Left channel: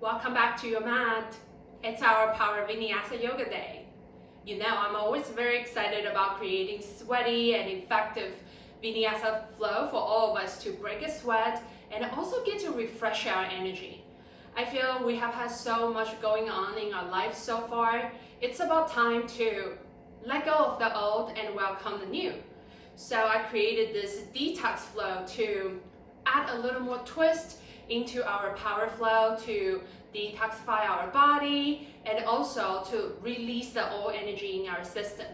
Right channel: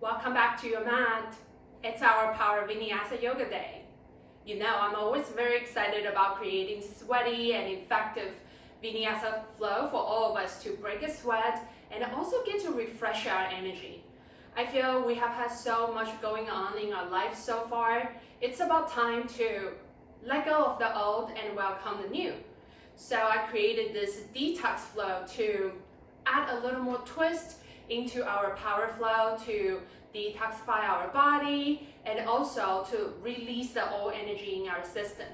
Welcome back to your mat. It's our Power Vinyasa Yoga Day. You know, I'm always very excited about creating sweaty and effective Vinyasa flow for all of us to break a sweat and also get to refresh our energy. I feel we have had so much going on in our life so far. It's about time to let go of the old and welcome the new. So I created this detox flow to add a little more twist into our power flow to detoxify our body and also to release the old energy in our system.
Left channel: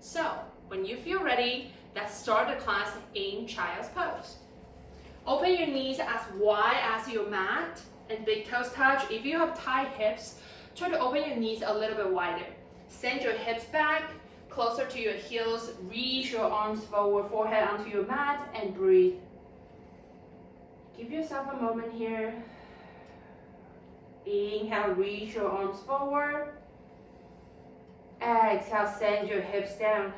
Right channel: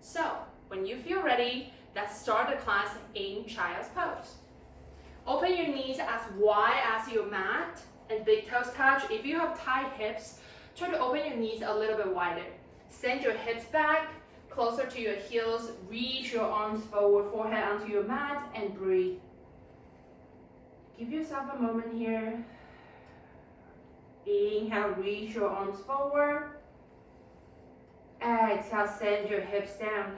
So when you feel ready, let's start the class in child's pose. Open your knees as wide as your mat and big toes touch. If you have tight hips, try to open your knees a little bit wider. Send your hips back, closer to your heels, reach your arms forward, forehead onto your mat, and breathe. Give yourself a moment here. Inhale, reach your arms forward. Exhale, send your hips down.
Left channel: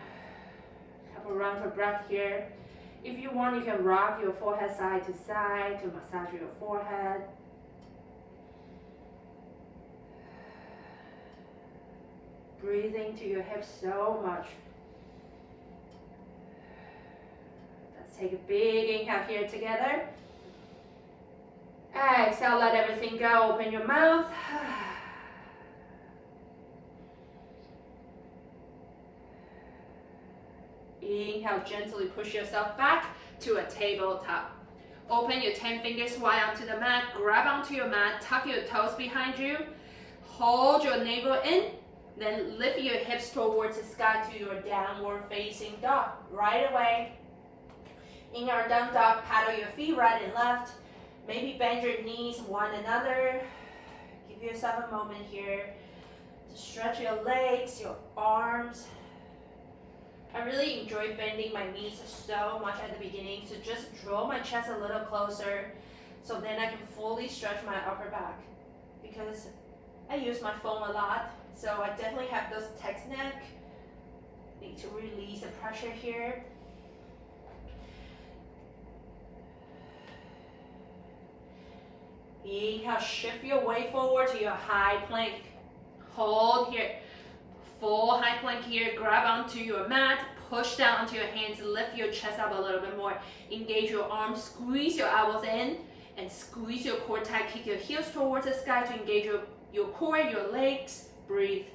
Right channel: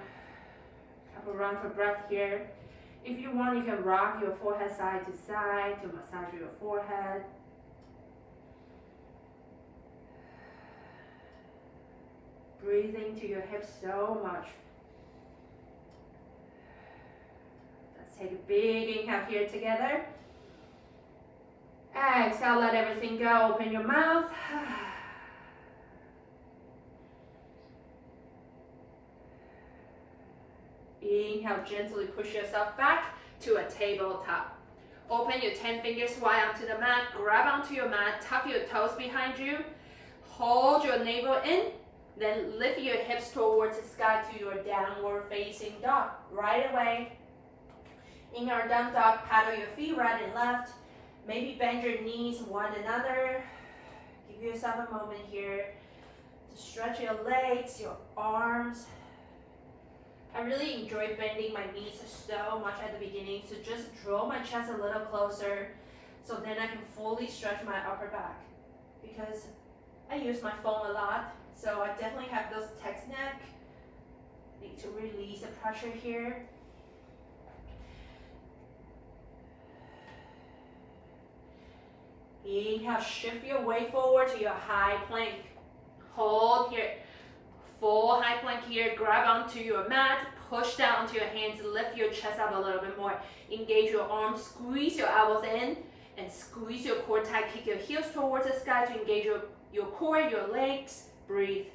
Have a round of breath here. If you want, you can rock your forehead side to side to massage your forehead. Breathing to your hips so much. Let's take a big inhale here together. Exhale, let everything go. Open your mouth. Inhale, gently push yourself back to a tabletop. Open your 10 fingers wide onto the mat. Grab onto your mat. Tuck your toes behind you. Hold your navel in. Then lift your hips towards the sky to your downward facing dog. Right away. In our down dog, paddle your feet right and left. Maybe bend your knees one another. Give yourself a moment here to stretch your legs, your arms. I really enjoy bending my knees so much at the beginning, so just draw my chest a little closer so then I can fully stretch my upper back. Because I use my phone a lot, so I definitely have those text neck. Need to release the pressure here. Inhale, shift your weight forward to your high plank. Hold here. Full high plank here. Grab onto your mat. Push down onto your hands. Lift your chest up a little bit more. Engage your arms. Squeeze your elbows in. And squeeze your core tight. Kick your heels towards the sky to engage your core, your legs. Breathe.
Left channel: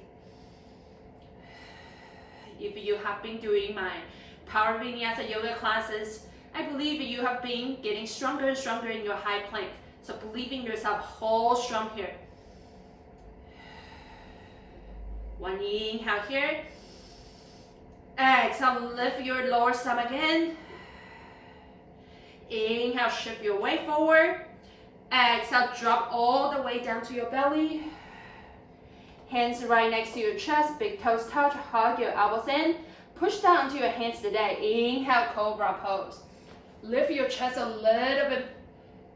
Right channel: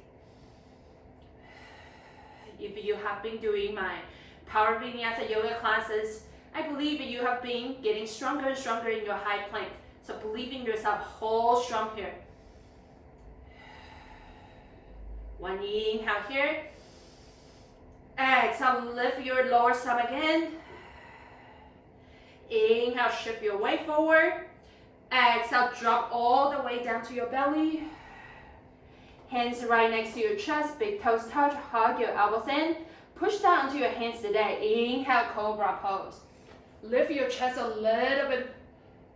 If you have been doing my Power Vinyasa yoga classes, I believe you have been getting stronger and stronger in your high plank. So believe in yourself, hold strong here. One inhale here. Exhale, lift your lower stomach in. Inhale, shift your weight forward. Exhale, drop all the way down to your belly. Hands right next to your chest, big toes touch, hug your elbows in. Push down onto your hands today. Inhale, cobra pose. Lift your chest a little bit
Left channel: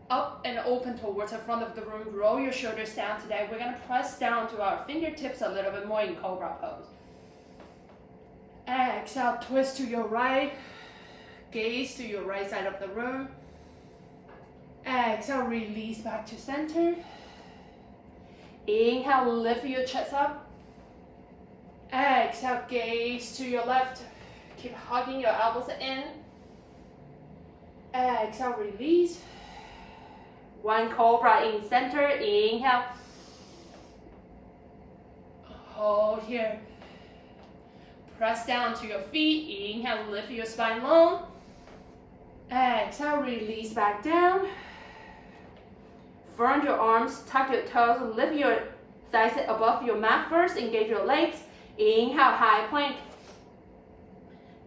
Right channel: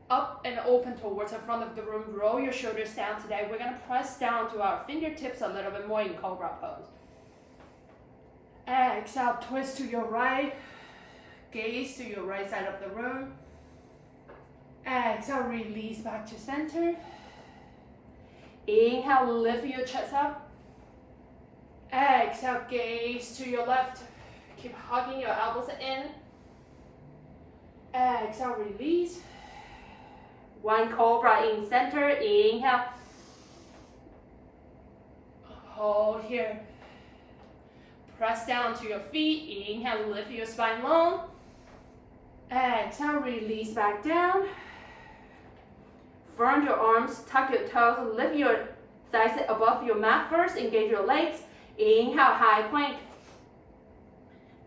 up and open towards the front of the room. Roll your shoulders down today. We're going to press down to our fingertips a little bit more in cobra pose. Exhale, twist to your right. Gaze to your right side of the room. Exhale, release back to center. Inhale, lift your chest up. Exhale, gaze to your left. Keep hugging your elbows in. Exhale, release. One cobra in center. Inhale. Hold here. Press down to your feet. Inhale, lift your spine long. Exhale, release back down. Front your arms, tuck your toes, lift your thighs above your mat first. Engage your legs. Inhale, high plank.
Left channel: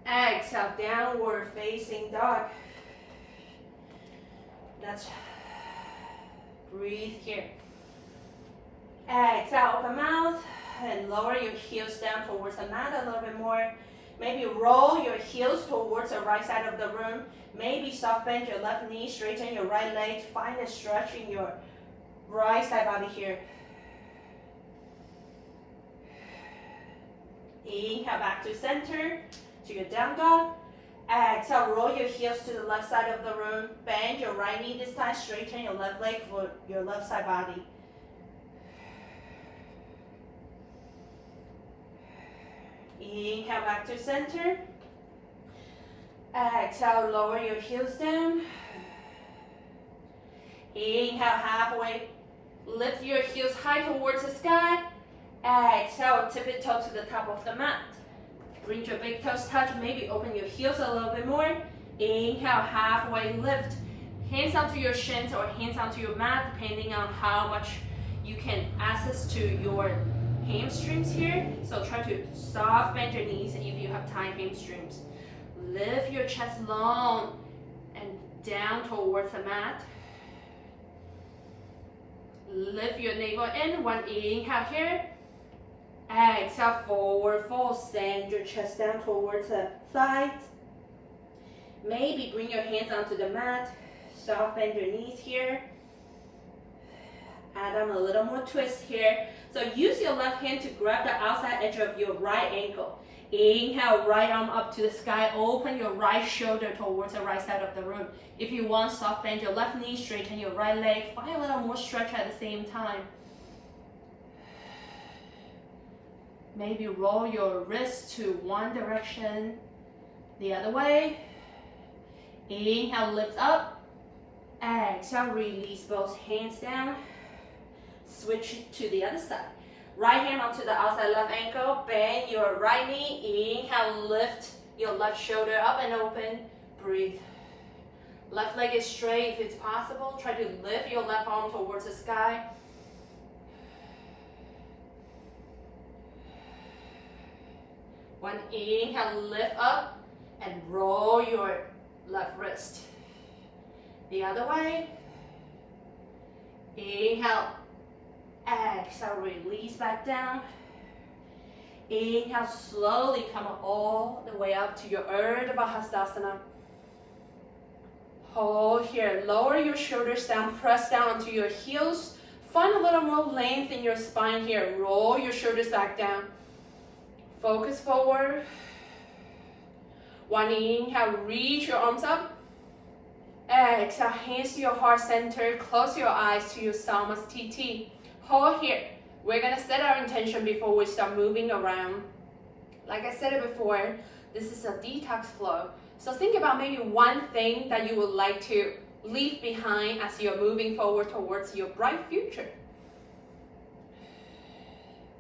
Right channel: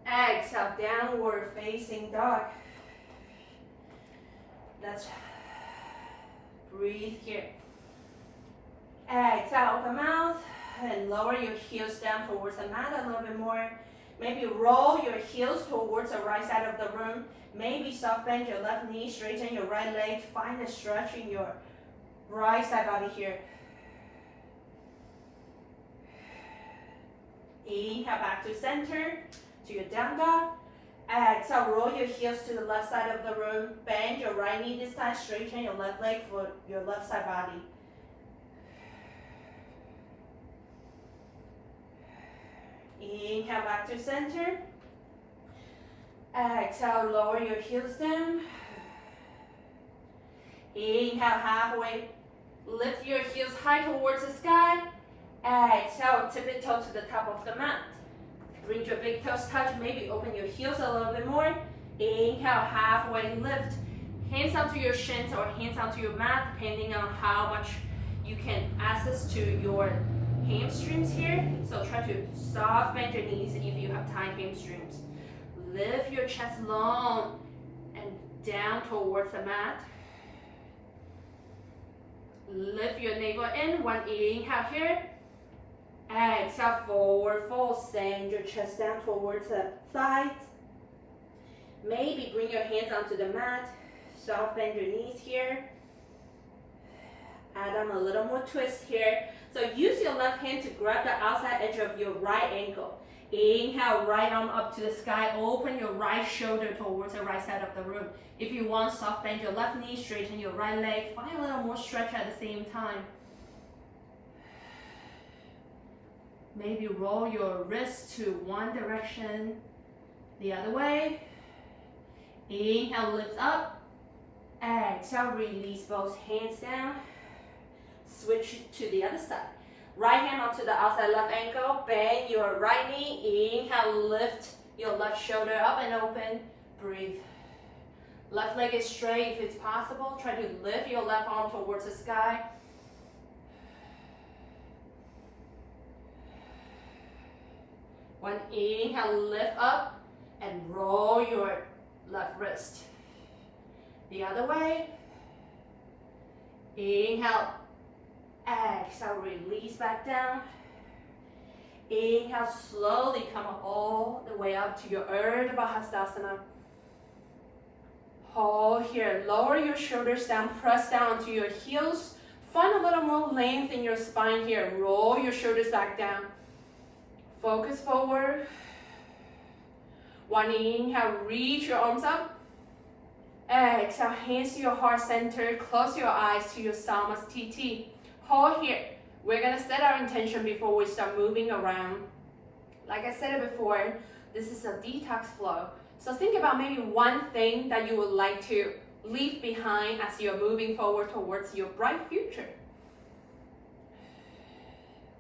Exhale, downward facing dog. Let's breathe here. Exhale, open mouth and lower your heels down towards the mat a little bit more. Maybe roll your heels towards the right side of the room. Maybe soft bend your left knee, straighten your right leg. Find a stretch in your right side body here. Inhale, back to center, to your down dog. Exhale, roll your heels to the left side of the room. Bend your right knee this time. Straighten your left leg for your left side body. Inhale back to center. Exhale, lower your heels down. Inhale, halfway. Lift your heels high towards the sky. Exhale, tip it toe to the top of the mat. Bring your big toes touch, maybe open your heels a little bit more. Inhale, halfway lift. Hands onto your shins or hands onto your mat, depending on how much you can access to your hamstrings here. So try to soft bend your knees if you have tight hamstrings. Lift your chest long and down towards the mat. Lift your navel in. One inhale here. Exhale, forward fold. Send your chest down towards the thighs. Maybe bring your hands onto the mat. Soft bend your knees here. Add on a little more twist here. So use your left hand to grab the outside edge of your right ankle. Inhale, right arm up to the sky. Open your right shoulder towards the right side of the room. If you want, soft bend your left knee, straighten your right leg. Find a little more stretch at the same time. Maybe roll your wrist to one direction, the other way. Inhale, lift up. Exhale, release both hands down. Switch to the other side. Right hand onto the outside left ankle. Bend your right knee. Inhale, lift your left shoulder up and open. Breathe. Left leg is straight if it's possible. Try to lift your left arm towards the sky. One inhale, lift up and roll your left wrist. The other way. Inhale. Exhale, release back down. Inhale, slowly come all the way up to your Urdhva Hastasana. Hold here, lower your shoulders down, press down to your heels. Find a little more length in your spine here. Roll your shoulders back down. Focus forward. One inhale, reach your arms up. Exhale, hands to your heart center. Close your eyes to your Samasthiti. Hold here. We're gonna set our intention before we start moving around. Like I said it before, this is a detox flow. So think about maybe one thing that you would like to leave behind as you're moving forward towards your bright future.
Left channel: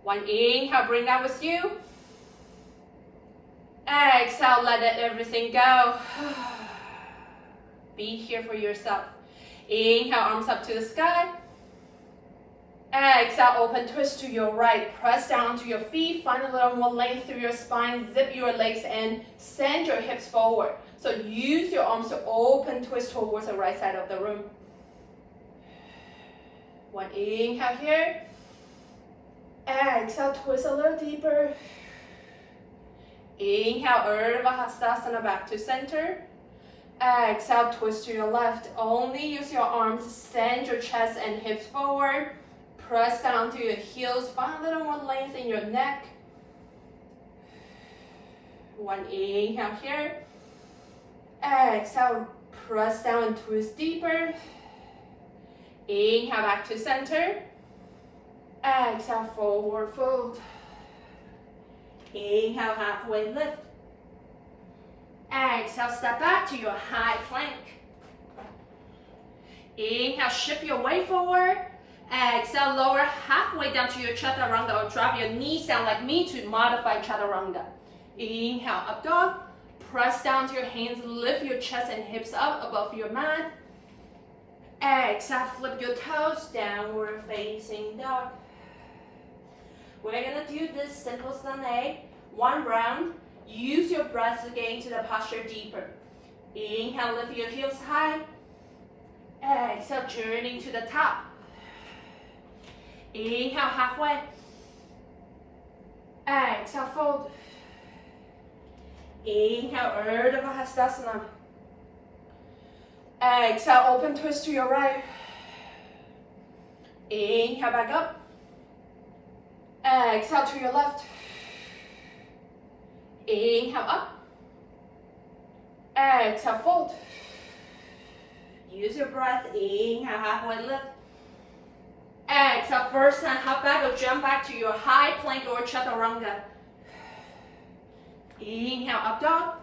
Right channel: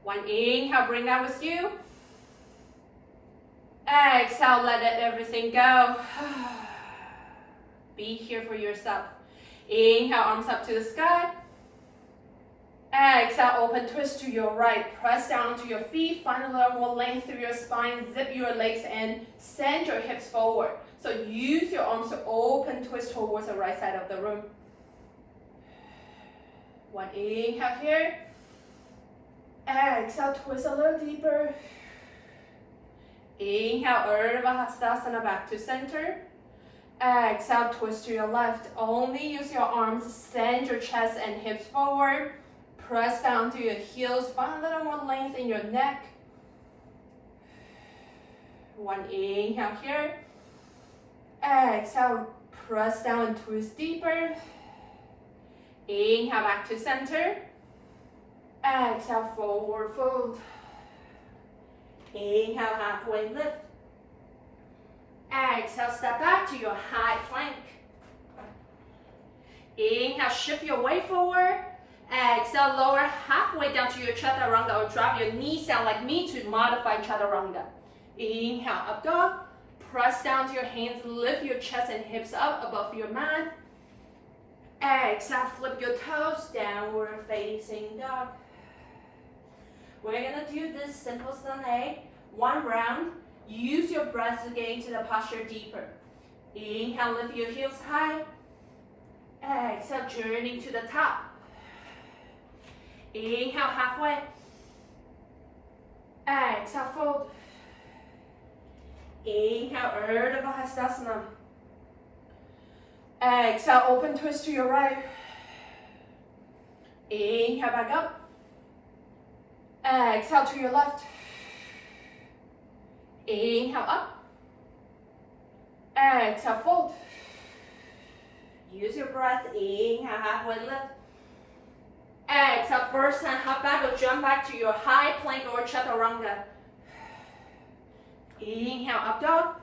One inhale, bring that with you. Exhale, let everything go. Be here for yourself. Inhale, arms up to the sky. Exhale, open twist to your right. Press down to your feet. Find a little more length through your spine. Zip your legs in. Send your hips forward. So use your arms to open twist towards the right side of the room. One inhale here. Exhale, twist a little deeper. Inhale, Urdhva Hastasana back to center. Exhale, twist to your left. Only use your arms. Send your chest and hips forward. Press down to your heels. Find a little more length in your neck. One inhale here. Exhale, press down and twist deeper. Inhale, back to center. Exhale, forward fold. Inhale, halfway lift. Exhale, step back to your high plank. Inhale, shift your weight forward. Exhale, lower halfway down to your chaturanga or drop your knees down like me to modify chaturanga. Inhale, up dog. Press down to your hands, lift your chest and hips up above your mat. Exhale, flip your toes, downward facing dog. We're gonna do this simple sun egg, one round. Use your breath to get into the posture deeper. Inhale, lift your heels high. Exhale, journey to the top. Inhale, halfway. Exhale, fold. Inhale, Urdhva Hastasana. Exhale, open twist to your right. Inhale, back up. Exhale to your left. Inhale, up. Exhale, fold. Use your breath. Inhale, halfway lift. Exhale, first time hop back or jump back to your high plank or chaturanga. Inhale, up dog.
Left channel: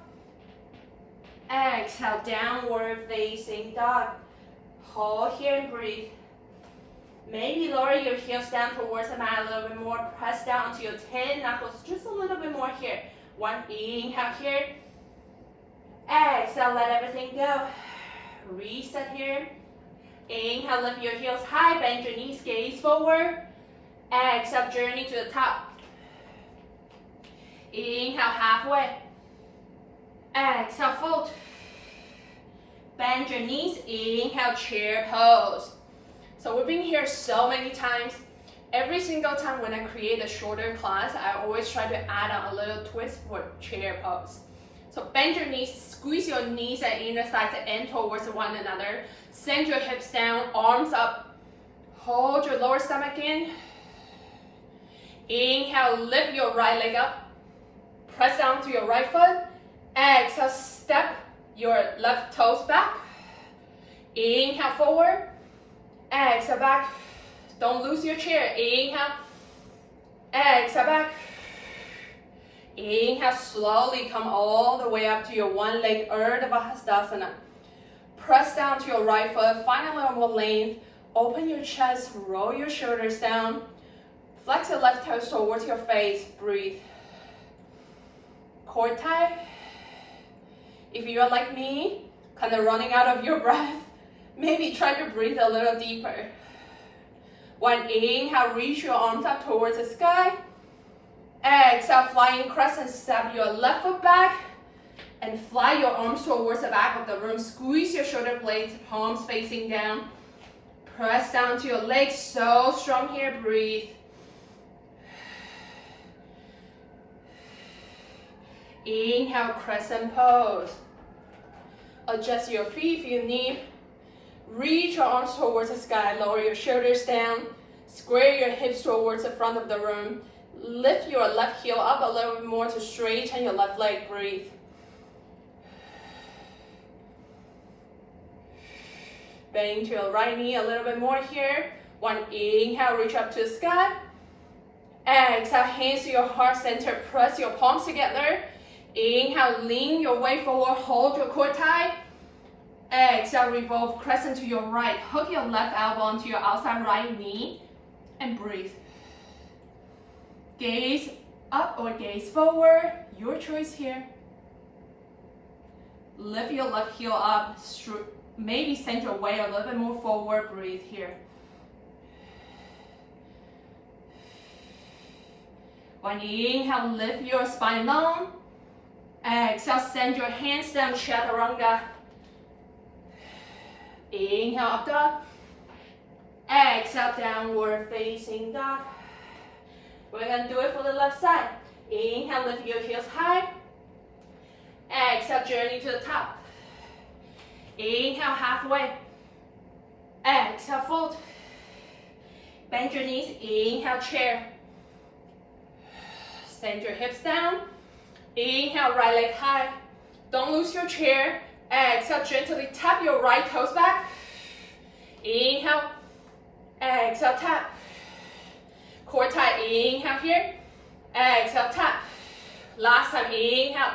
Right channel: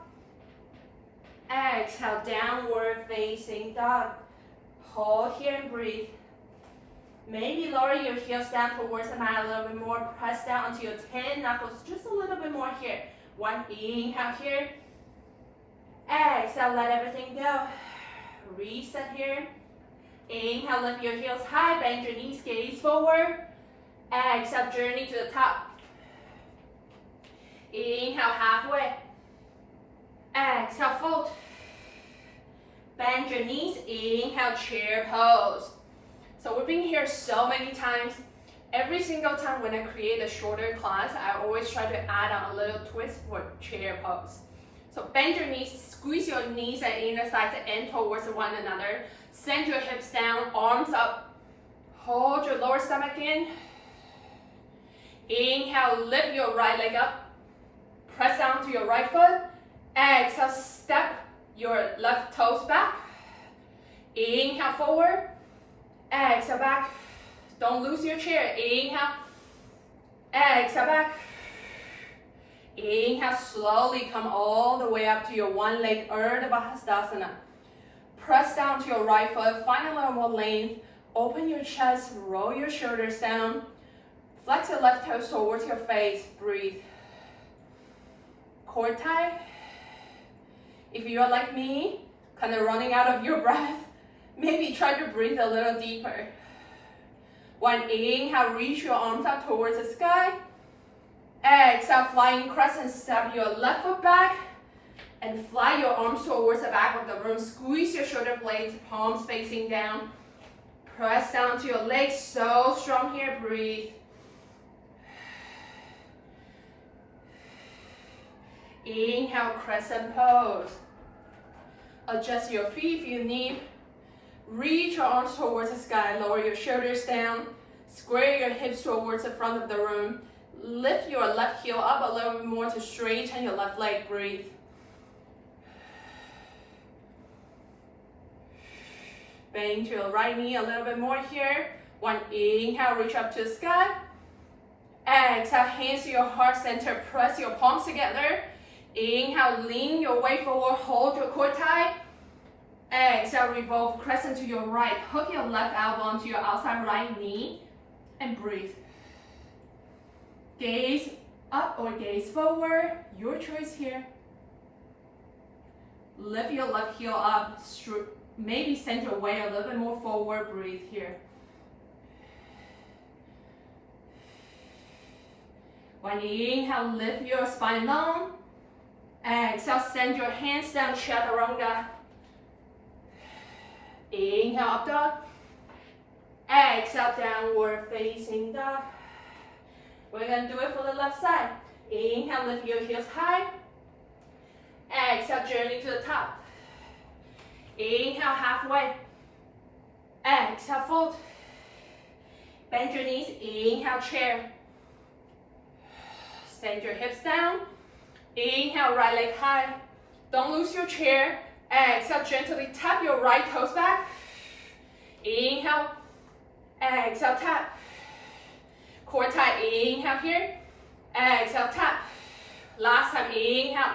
Exhale, downward facing dog. Hold here and breathe. Maybe lower your heels down towards the mat a little bit more. Press down onto your 10 knuckles just a little bit more here. One, inhale here. Exhale, let everything go. Reset here. Inhale, lift your heels high, bend your knees, gaze forward. Exhale, journey to the top. Inhale, halfway. Exhale, fold. Bend your knees, inhale, chair pose. So we've been here so many times. Every single time when I create a shorter class, I always try to add on a little twist for chair pose. So bend your knees, squeeze your knees and inner thighs in towards one another. Send your hips down, arms up. Hold your lower stomach in. Inhale, lift your right leg up. Press down to your right foot. Exhale, step your left toes back. Inhale, forward. Exhale, back. Don't lose your chair. Inhale. Exhale, back. Inhale, slowly come all the way up to your one leg Urdhva Hastasana. Press down to your right foot. Find a little more length. Open your chest. Roll your shoulders down. Flex your left toes towards your face. Breathe. Core tight. If you're like me, kind of running out of your breath, maybe try to breathe a little deeper. One, inhale, reach your arms up towards the sky. Exhale, flying crescent, step your left foot back and fly your arms towards the back of the room. Squeeze your shoulder blades, palms facing down. Press down to your legs, so strong here, breathe. Inhale, crescent pose. Adjust your feet if you need. Reach your arms towards the sky, lower your shoulders down. Square your hips towards the front of the room. Lift your left heel up a little bit more to straighten your left leg, breathe. Bend to your right knee a little bit more here. One, inhale, reach up to the sky. Exhale, hands to your heart center, press your palms together. Inhale, lean your way forward, hold your core tight. Exhale, revolve crescent to your right. Hook your left elbow onto your outside right knee and breathe. Gaze up or gaze forward, your choice here. Lift your left heel up, maybe send your weight a little bit more forward, breathe here. One, inhale, lift your spine long. Exhale, send your hands down, chaturanga. Inhale, up dog. Exhale, downward facing dog. We're gonna do it for the left side. Inhale, lift your heels high. Exhale, journey to the top. Inhale, halfway. Exhale, fold. Bend your knees, inhale, chair. Send your hips down. Inhale, right leg high. Don't lose your chair. Exhale, gently tap your right toes back. Inhale. Exhale, tap. Core tight, inhale here. Exhale, tap. Last time, inhale.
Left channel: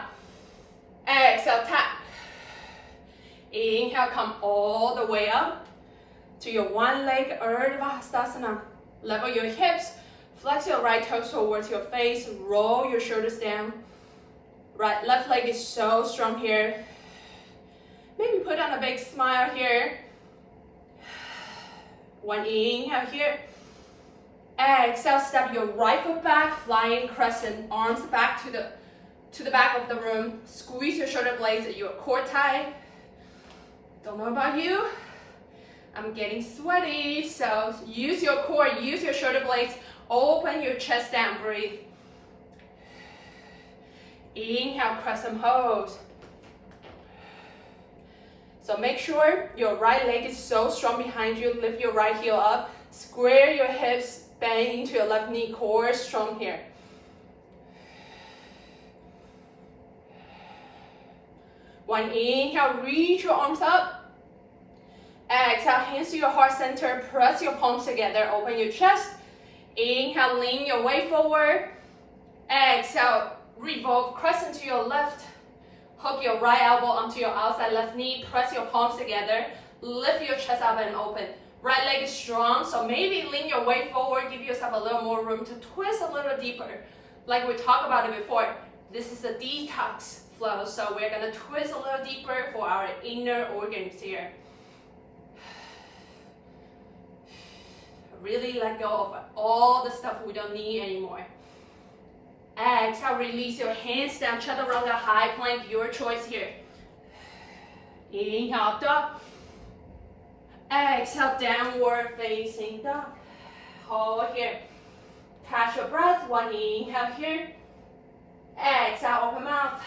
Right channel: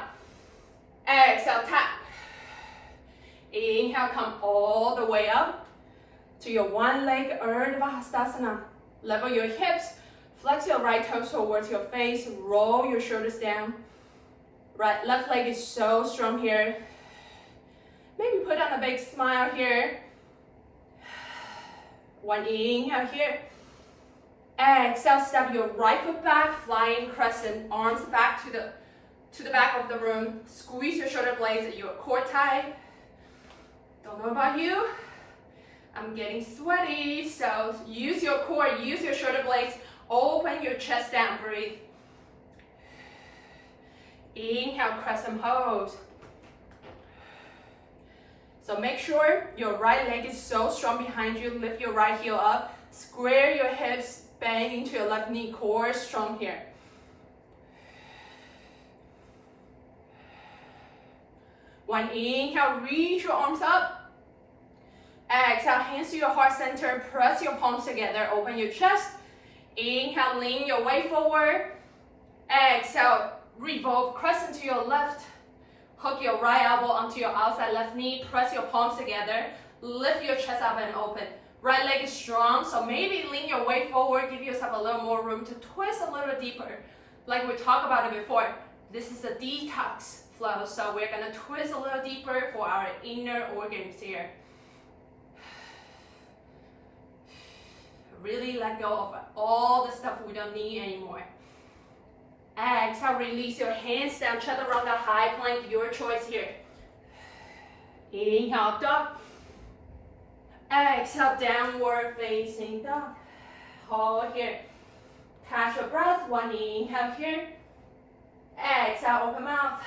Exhale, tap. Inhale, come all the way up to your one leg Urdhva Hastasana. Level your hips. Flex your right toes towards your face. Roll your shoulders down. Right, left leg is so strong here. Maybe put on a big smile here. One inhale here. Exhale, step your right foot back, flying crescent, arms back to the back of the room. Squeeze your shoulder blades, your core tight. Don't know about you, I'm getting sweaty, so use your core, use your shoulder blades, open your chest down, breathe. Inhale, crescent pose. So make sure your right leg is so strong behind you. Lift your right heel up. Square your hips, bend into your left knee, core strong here. One inhale, reach your arms up. Exhale, hands to your heart center. Press your palms together, open your chest. Inhale, lean your way forward. Exhale, Revolve, crescent to your left. Hook your right elbow onto your outside left knee. Press your palms together. Lift your chest up and open. Right leg is strong, so maybe lean your weight forward. Give yourself a little more room to twist a little deeper. Like we talked about it before, this is a detox flow, so we're gonna twist a little deeper for our inner organs here. Really let go of all the stuff we don't need anymore. Exhale, release your hands down, chaturanga, high plank, your choice here. Inhale, up dog. Exhale, downward facing dog. Hold here. Catch your breath, one inhale here. Exhale, open mouth.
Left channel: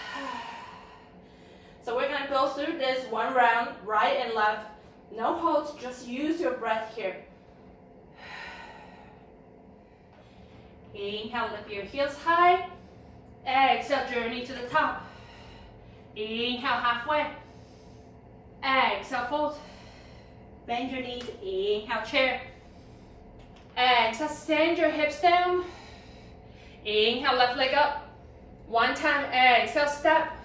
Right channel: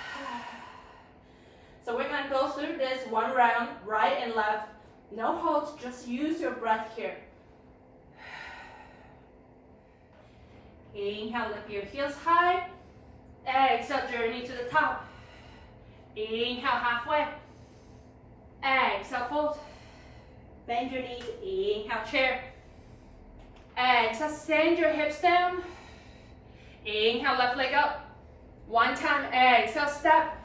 So we're gonna go through this one round, right and left. No holds, just use your breath here. Inhale, lift your heels high. Exhale, journey to the top. Inhale, halfway. Exhale, fold. Bend your knees, inhale, chair. Exhale, send your hips down. Inhale, left leg up. One time, exhale, step.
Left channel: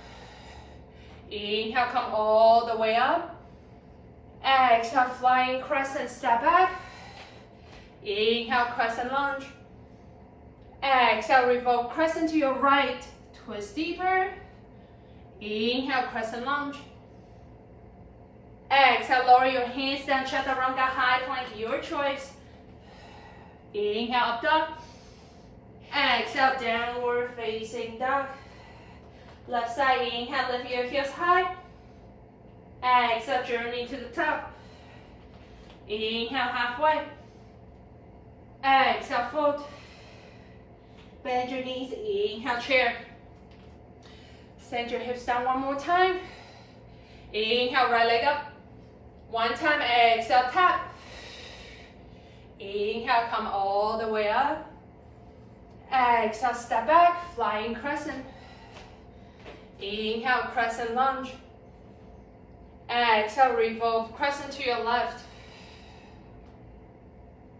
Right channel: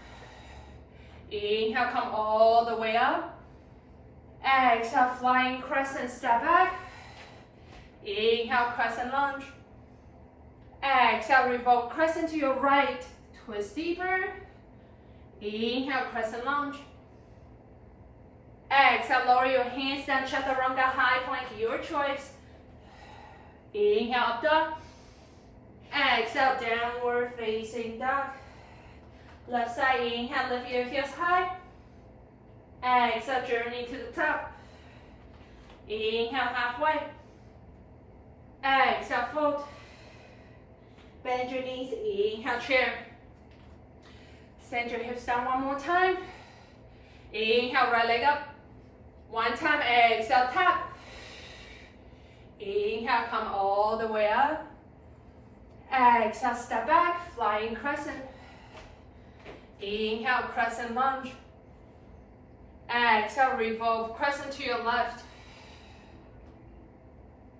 Inhale, come all the way up. Exhale, flying crescent, step back. Inhale, crescent lunge. Exhale, revolve crescent to your right. Twist deeper. Inhale, crescent lunge. Exhale, lower your hands down, chaturanga, high plank, your choice. Inhale, up dog. Exhale, downward facing dog. Left side, inhale, lift your heels high. Exhale, journey to the top. Inhale, halfway. Exhale, fold. Bend your knees, inhale, chair. Send your hips down one more time. Inhale, right leg up. One time, exhale, tap. Inhale, come all the way up. Exhale, step back, flying crescent. Inhale, crescent lunge. Exhale, revolve crescent to your left.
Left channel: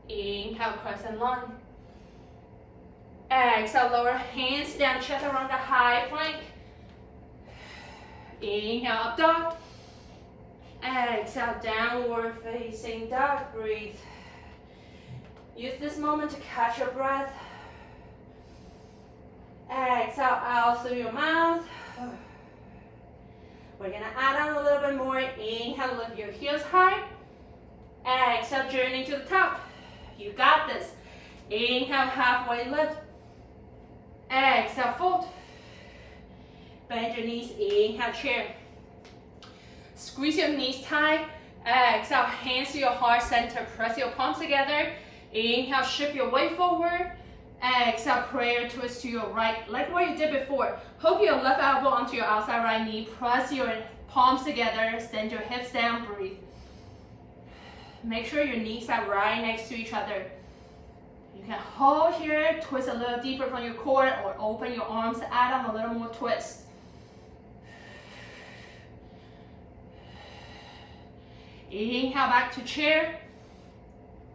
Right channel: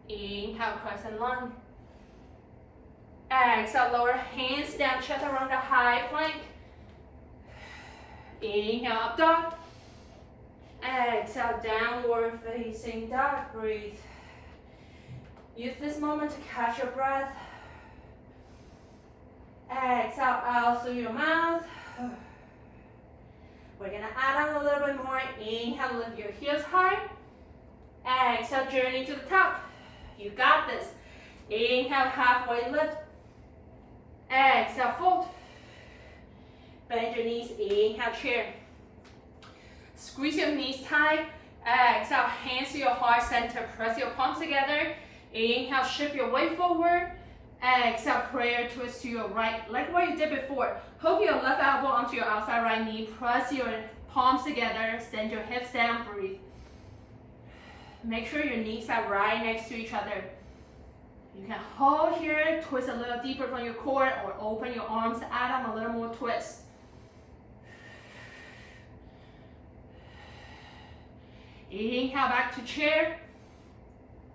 Inhale, crescent lunge. Exhale, lower hands down, chaturanga, high plank. Inhale, up dog. Exhale, downward facing dog. Breathe. Use this moment to catch your breath. Exhale out through your mouth. We're gonna add on a little bit more. Inhale, lift your heels high. Exhale, journey to the top. You got this. Inhale, halfway lift. Exhale, fold. Bend your knees, inhale, chair. Squeeze your knees tight. Exhale, hands to your heart center. Press your palms together. Inhale, shift your weight forward. Exhale, prayer twist to your right, like what you did before. Hook your left elbow onto your outside right knee. Press your palms together. Send your hips down. Breathe. Make sure your knees are right next to each other. You can hold here, twist a little deeper from your core, or open your arms, add on a little more twist. Inhale, back to chair.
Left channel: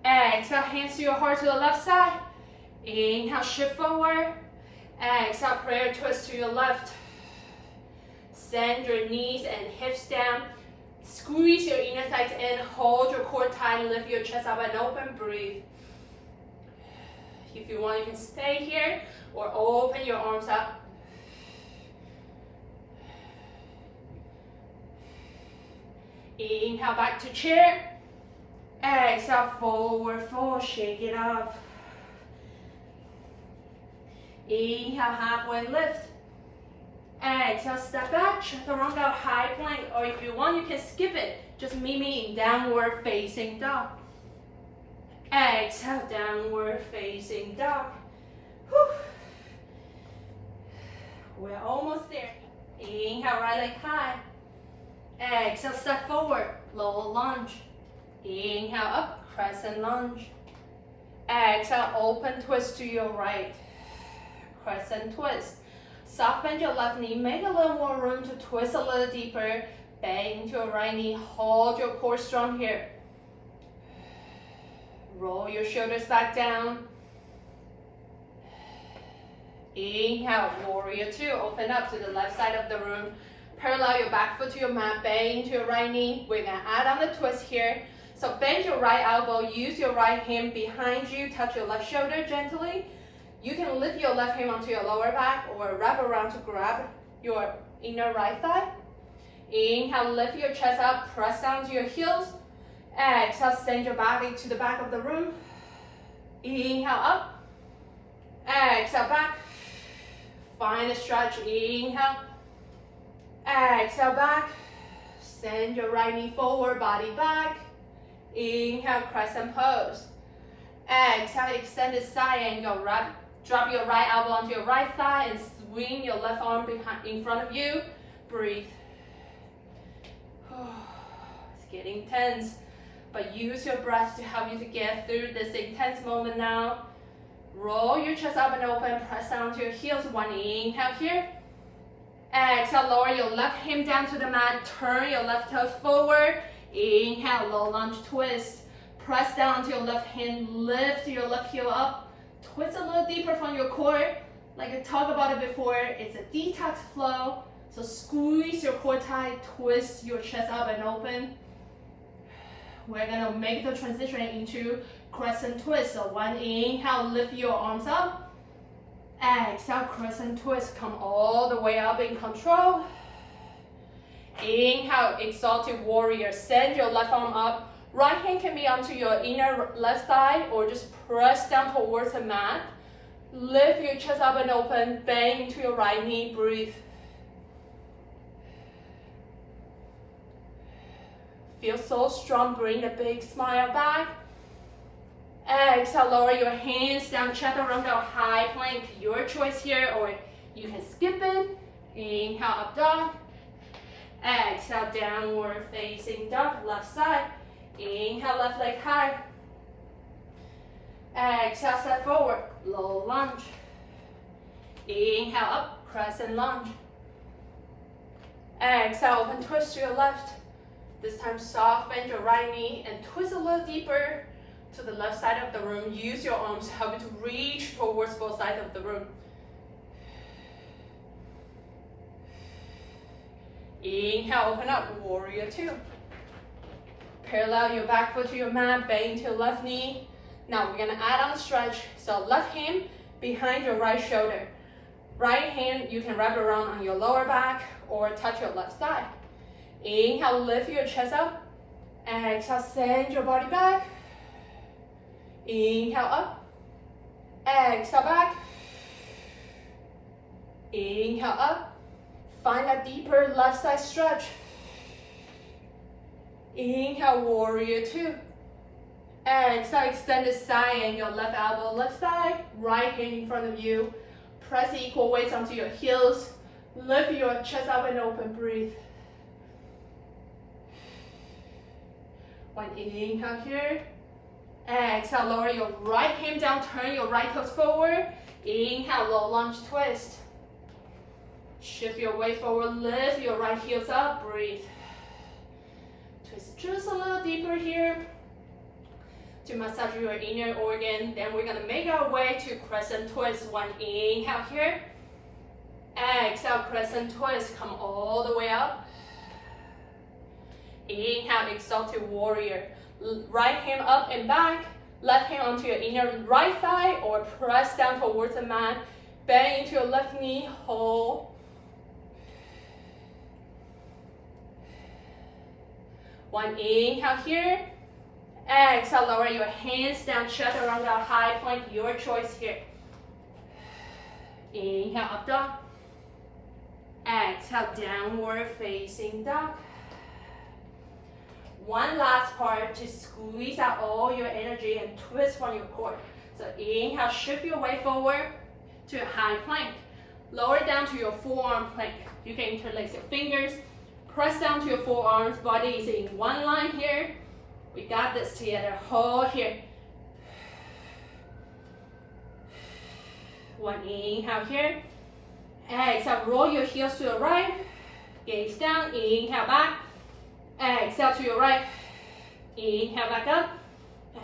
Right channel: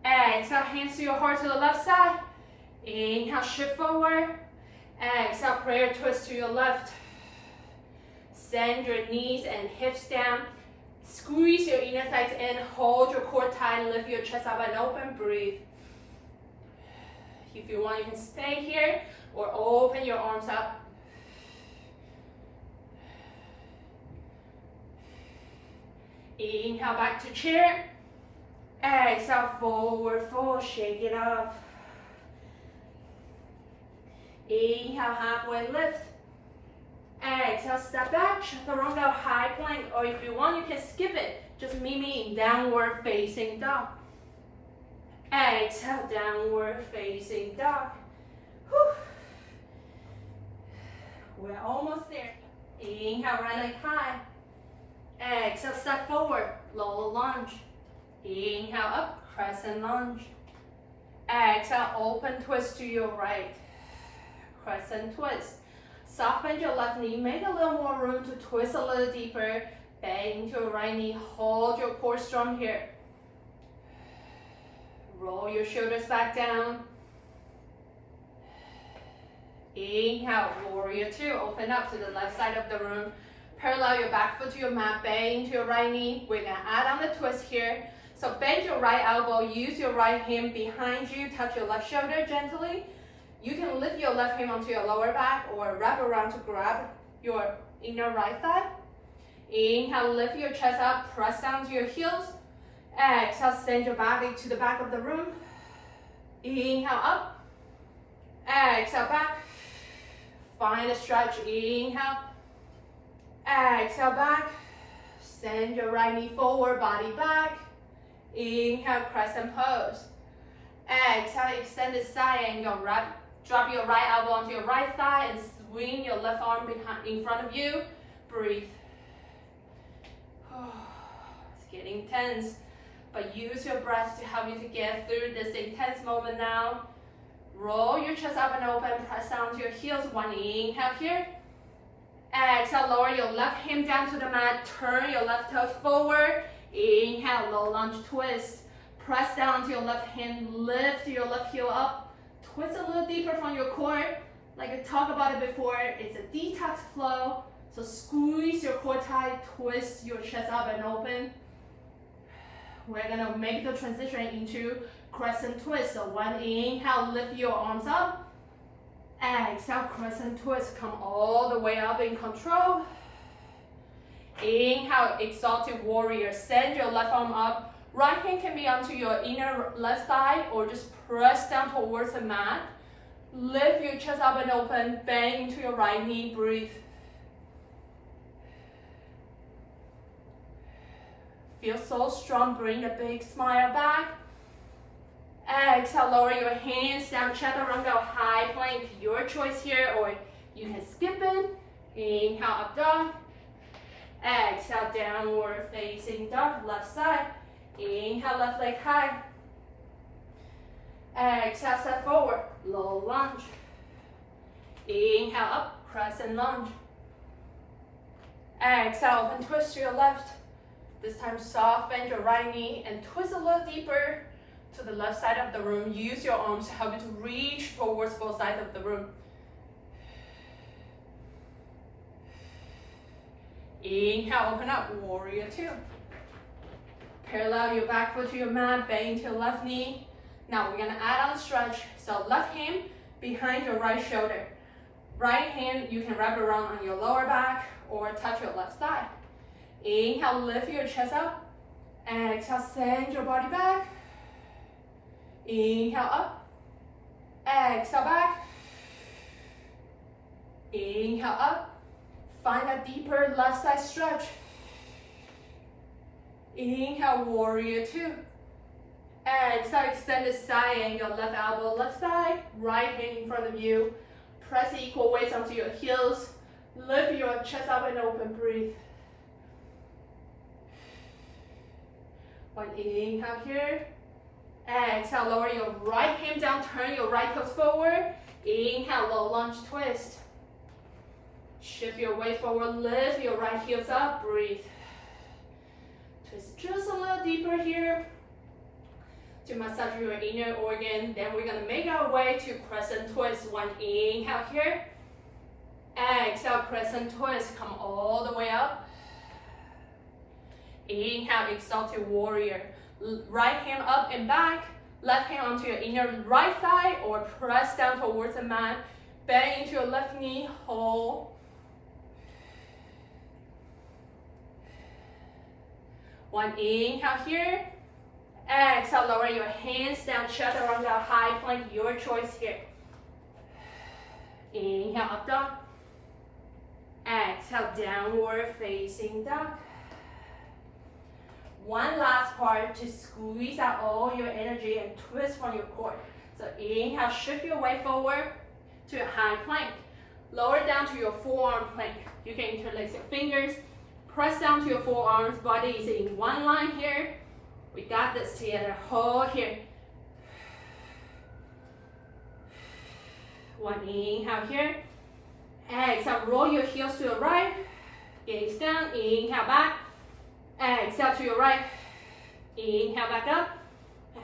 Exhale, hands to your heart to the left side. Inhale, shift forward. Exhale, prayer twist to your left. Send your knees and hips down. Squeeze your inner thighs in, hold your core tight, lift your chest up and open, breathe. If you want, you can stay here or open your arms up. Inhale, back to chair. Exhale, forward fold, shake it off. Inhale, halfway lift. Exhale, step back, chaturanga, high plank, or if you want, you can skip it. Just meet me in downward facing dog. Exhale, downward facing dog. Whew. We're almost there. Inhale, right leg high. Exhale, step forward, low lunge. Inhale, up, crescent lunge. Exhale, open twist to your right. Crescent twist. Soft bend your left knee, make a little more room to twist a little deeper. Bend into your right knee, hold your core strong here. Roll your shoulders back down. Inhale, warrior two. Open up to the left side of the room. Parallel your back foot to your mat, bend into your right knee. We're gonna add on the twist here. So bend your right elbow, use your right hand behind you, touch your left shoulder gently. You can lift your left hand onto your lower back or wrap around to grab your inner right thigh. Inhale, lift your chest up, press down to your heels. Exhale, send your body to the back of the room. Inhale up. Exhale back. Find a stretch. Inhale. Exhale back. Send your right knee forward, body back. Inhale, crescent pose. Exhale, extend the side angle. Drop your right elbow onto your right thigh and swing your left arm in front of you. Breathe. It's getting tense, but use your breath to help you to get through this intense moment now. Roll your chest up and open, press down to your heels. One inhale here. Exhale, lower your left hand down to the mat, turn your left toes forward. Inhale, low lunge twist. Press down to your left hand, lift your left heel up. Twist a little deeper from your core. Like I talked about it before, it's a detox flow. So squeeze your core tight, twist your chest up and open. We're gonna make the transition into crescent twist. So one inhale, lift your arms up. Exhale, crescent twist, come all the way up in control. Inhale, exalted warrior, send your left arm up. Right hand can be onto your inner left thigh or just press down towards the mat. Lift your chest up and open, bend into your right knee, breathe. Feel so strong, bring the big smile back. Exhale, lower your hands down, chaturanga, high plank, your choice here, or you can skip it. Inhale, up dog. Exhale, downward facing dog, left side. Inhale, left leg high. Exhale, step forward, low lunge. Inhale, up, crescent lunge. Exhale, open twist to your left. This time, soft bend your right knee and twist a little deeper to the left side of the room. Use your arms to help you to reach towards both sides of the room. Inhale, open up, warrior two. Parallel your back foot to your mat, bend into your left knee. Now we're gonna add on a stretch. So left hand behind your right shoulder. Right hand, you can wrap around on your lower back or touch your left thigh. Inhale, lift your chest up. Exhale, send your body back. Inhale up. Exhale back. Inhale up. Find a deeper left side stretch. Inhale, warrior two. Exhale, extend the side angle, left elbow, left side, right hand in front of you. Press equal weights onto your heels. Lift your chest up and open, breathe. One inhale here. Exhale, lower your right hand down, turn your right toes forward. Inhale, low lunge twist. Shift your weight forward, lift your right heels up, breathe. Twist just a little deeper here to massage your inner organ. Then we're gonna make our way to crescent twist. One inhale here. Exhale, crescent twist, come all the way up. Inhale, exalted warrior. Right hand up and back, left hand onto your inner right thigh or press down towards the mat. Bend into your left knee, hold. One inhale here. Exhale, lower your hands down, chaturanga, high plank, your choice here. Inhale, up dog. Exhale, downward facing dog. One last part to squeeze out all your energy and twist from your core. So inhale, shift your weight forward to a high plank. Lower down to your forearm plank. You can interlace your fingers. Press down to your forearms. Body is in one line here. We got this together. Hold here. One inhale here. Exhale, roll your heels to the right. Gaze down. Inhale back. Exhale to your right. Inhale back up.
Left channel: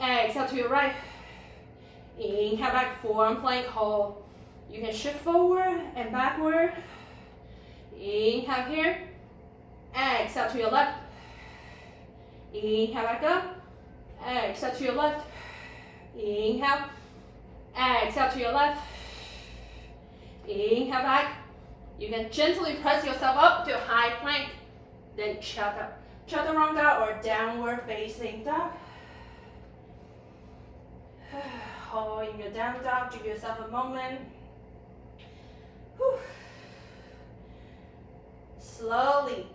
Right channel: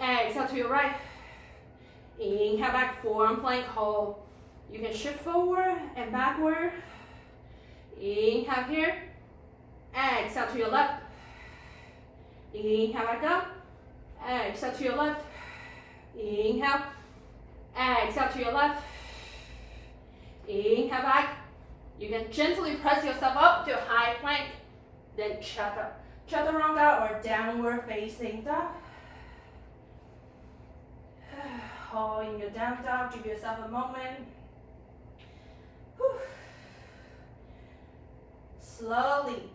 Exhale to your right. Inhale back, forearm plank, hold. You can shift forward and backward. Inhale here. Exhale to your left. Inhale back up. Exhale to your left. Inhale. Exhale to your left. Inhale back. You can gently press yourself up to a high plank. Then chaturanga or downward facing dog. Hold in your down dog. Give yourself a moment. Whew. Slowly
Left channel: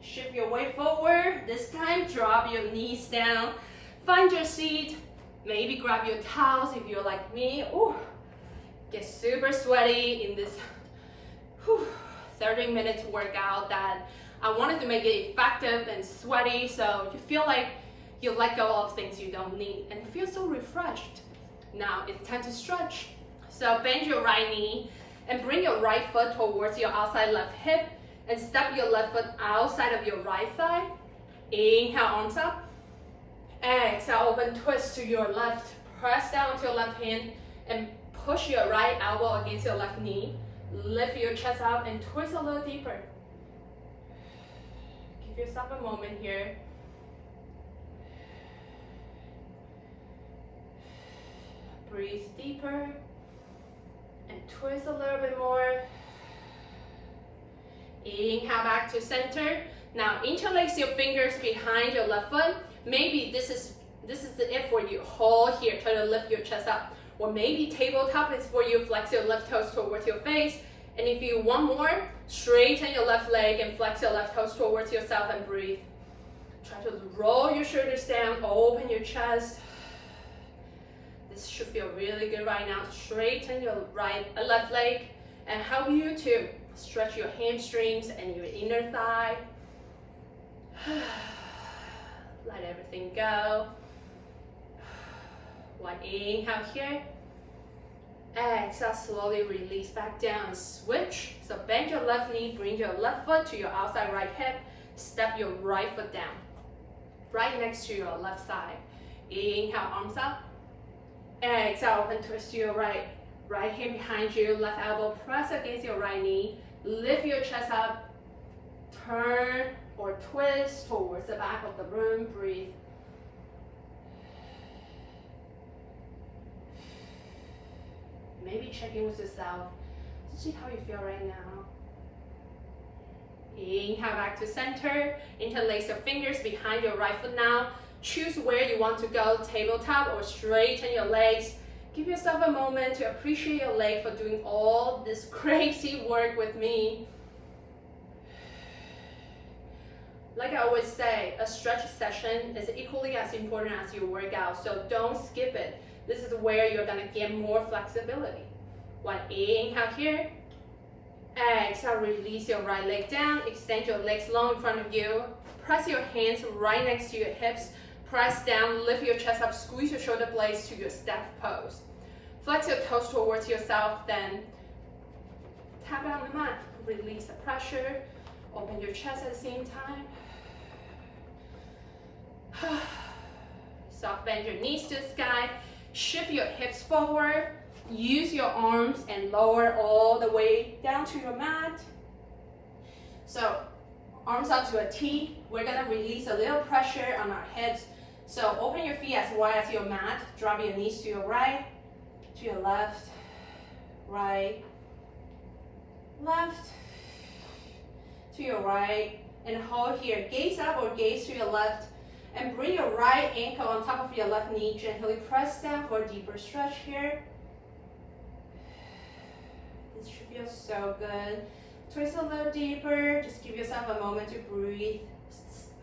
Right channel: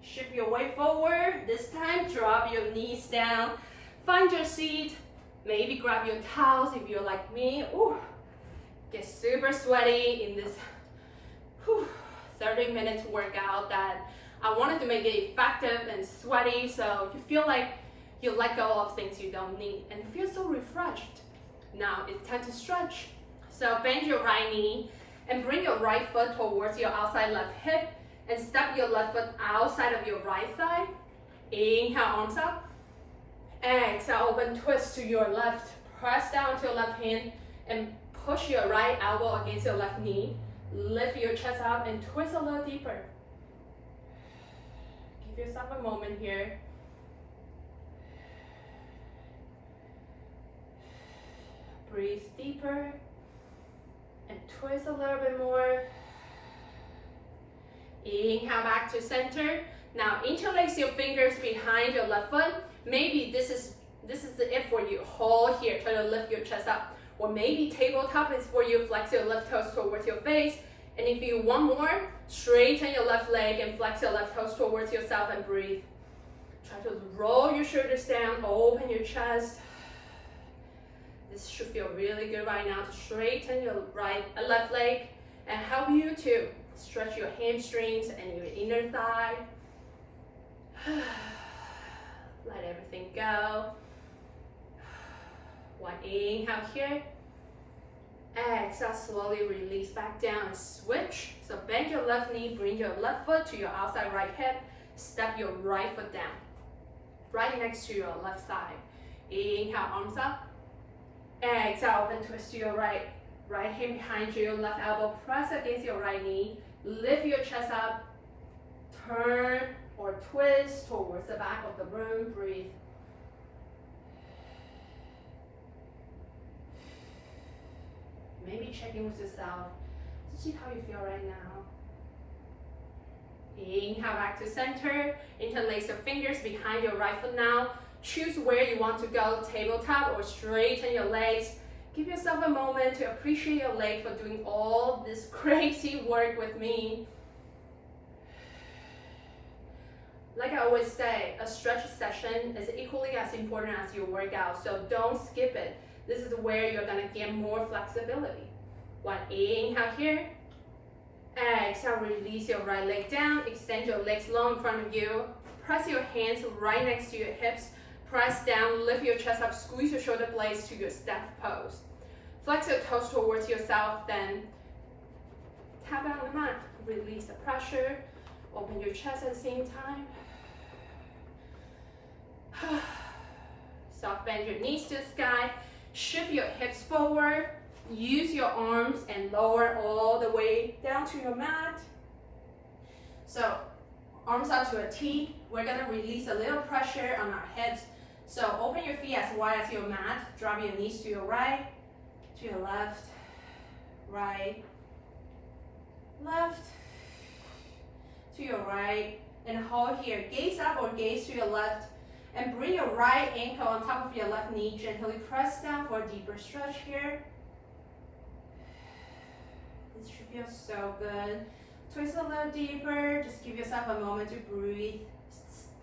shift your weight forward. This time, drop your knees down. Find your seat. Maybe grab your towels if you're like me. Ooh, get super sweaty in this 30 minutes workout that I wanted to make it effective and sweaty so you feel like you let go of things you don't need and feel so refreshed. Now it's time to stretch. So bend your right knee and bring your right foot towards your outside left hip and step your left foot outside of your right thigh. Inhale, arms up. Exhale, open twist to your left. Press down to your left hand and push your right elbow against your left knee. Lift your chest out and twist a little deeper. Give yourself a moment here. Breathe deeper and twist a little bit more. Inhale back to center. Now interlace your fingers behind your left foot. Maybe this is it for you. Hold here, try to lift your chest up. Or maybe tabletop is for you. Flex your left toes towards your face. And if you want more, straighten your left leg and flex your left toes towards yourself and breathe. Try to roll your shoulders down, open your chest. This should feel really good right now. Straighten your left leg and help you to stretch your hamstrings and your inner thigh. Let everything go. One inhale here. Exhale, slowly release back down and switch. So bend your left knee, bring your left foot to your outside right hip. Step your right foot down, right next to your left thigh. Inhale, arms up. Exhale, open twist to your right. Right hand behind you, left elbow press against your right knee. Lift your chest up. Turn or twist towards the back of the room. Breathe. Maybe check in with yourself to see how you feel right now. Inhale back to center. Interlace your fingers behind your right foot now. Choose where you want to go, tabletop or straighten your legs. Give yourself a moment to appreciate your leg for doing all this crazy work with me. Like I always say, a stretch session is equally as important as your workout, so don't skip it. This is where you're gonna get more flexibility. One inhale here. Exhale, release your right leg down. Extend your legs long in front of you. Press your hands right next to your hips. Press down, lift your chest up, squeeze your shoulder blades to your step pose. Flex your toes towards yourself, then tap it on the mat. Release the pressure. Open your chest at the same time. Soft bend your knees to the sky. Shift your hips forward. Use your arms and lower all the way down to your mat. So arms out to a T. We're gonna release a little pressure on our heads. So open your feet as wide as your mat. Drop your knees to your right, to your left, right, left, to your right, and hold here. Gaze up or gaze to your left, and bring your right ankle on top of your left knee. Gently press down for a deeper stretch here. This should feel so good. Twist a little deeper. Just give yourself a moment to breathe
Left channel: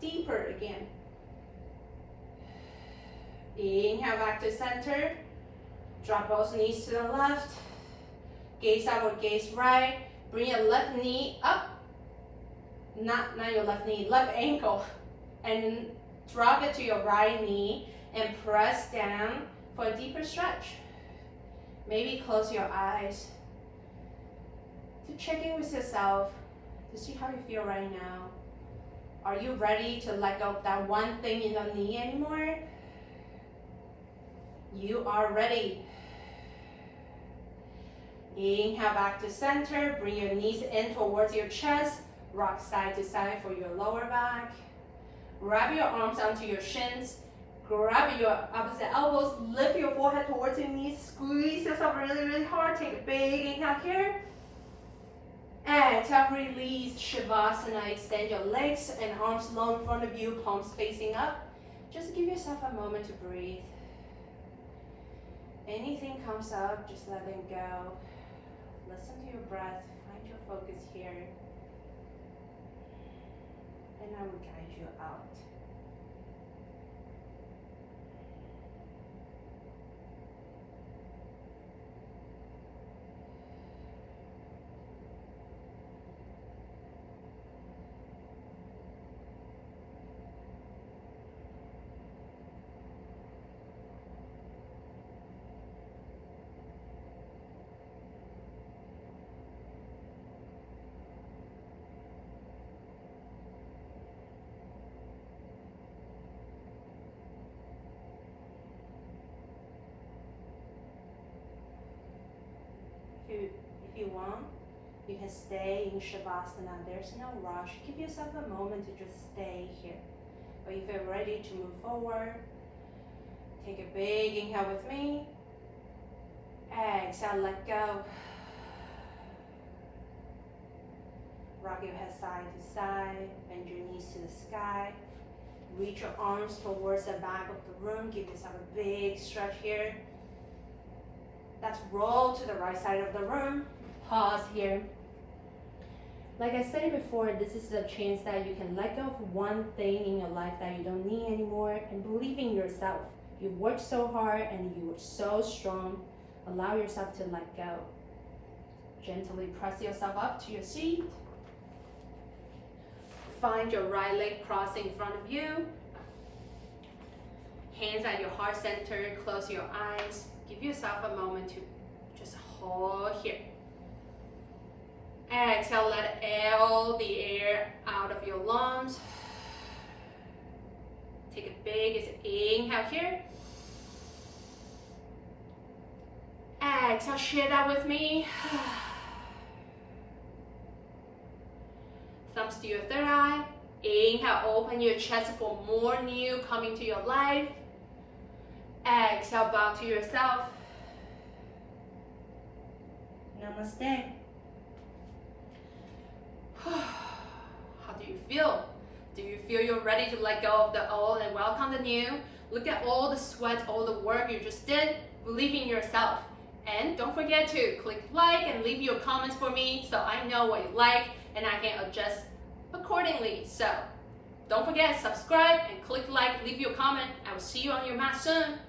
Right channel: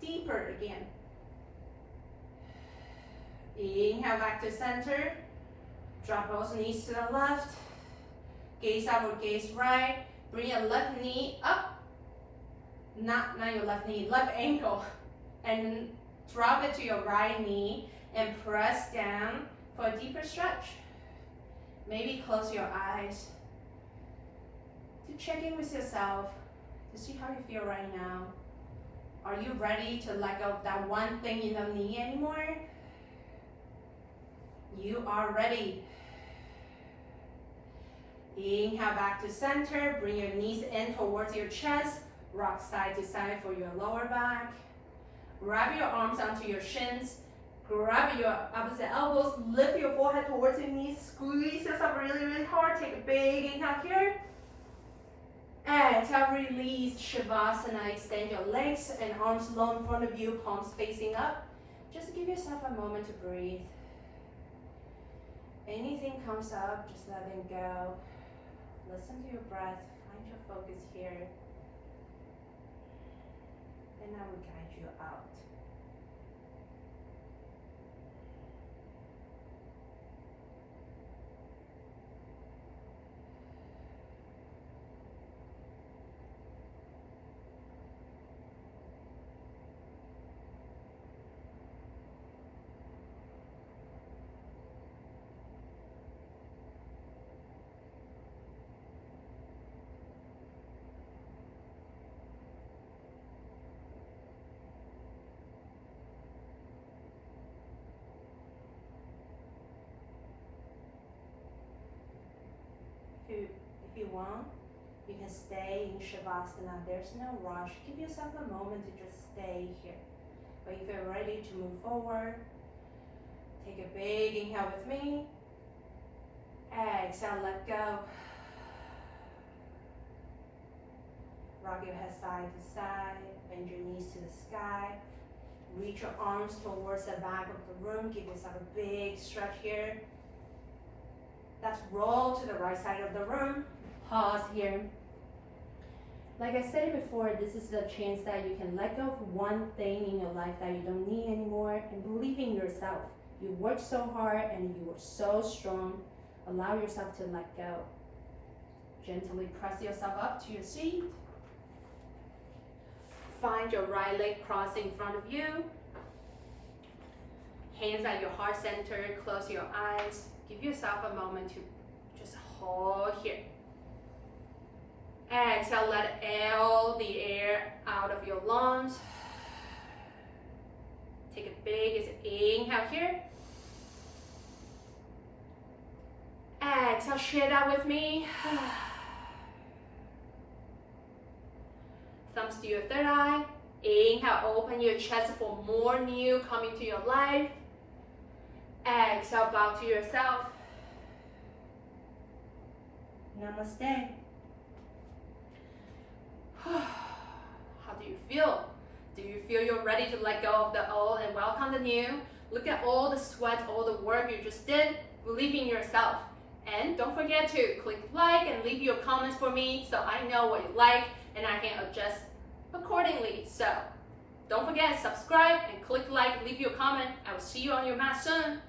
deeper again. Inhale back to center. Drop both knees to the left. Gaze up or gaze right. Bring your left knee up. Not your left knee, left ankle. And drop it to your right knee and press down for a deeper stretch. Maybe close your eyes to check in with yourself to see how you feel right now. Are you ready to let go of that one thing in the knee anymore? You are ready. Inhale back to center. Bring your knees in towards your chest. Rock side to side for your lower back. Wrap your arms onto your shins. Grab your opposite elbows. Lift your forehead towards your knees. Squeeze yourself really, really hard. Take a big inhale here. Exhale, release. Shavasana. Extend your legs and arms low in front of you. Palms facing up. Just give yourself a moment to breathe. Anything comes up, just let it go. Listen to your breath. Find your focus here. And I will guide you out. If you want, you can stay in Shavasana. There's no rush. Give yourself a moment to just stay here. But if you're ready to move forward, take a big inhale with me. Exhale, let go. Rock your head side to side. Bend your knees to the sky. Reach your arms towards the back of the room. Give yourself a big stretch here. Let's roll to the right side of the room. Pause here. Like I said before, this is the chance that you can let go of one thing in your life that you don't need anymore and believe in yourself. You worked so hard and you were so strong. Allow yourself to let go. Gently press yourself up to your seat. Find your right leg crossing in front of you. Hands at your heart center. Close your eyes. Give yourself a moment to just hold here. Exhale, let all the air out of your lungs. Take a big inhale here. Exhale, share that with me. Thumbs to your third eye. Inhale, open your chest for more new coming to your life. Exhale, bow to yourself. Namaste. How do you feel? Do you feel you're ready to let go of the old and welcome the new? Look at all the sweat, all the work you just did. Believe in yourself. And don't forget to click like and leave your comments for me so I know what you like and I can adjust accordingly. So don't forget, subscribe and click like, leave your comment. I will see you on your mat soon.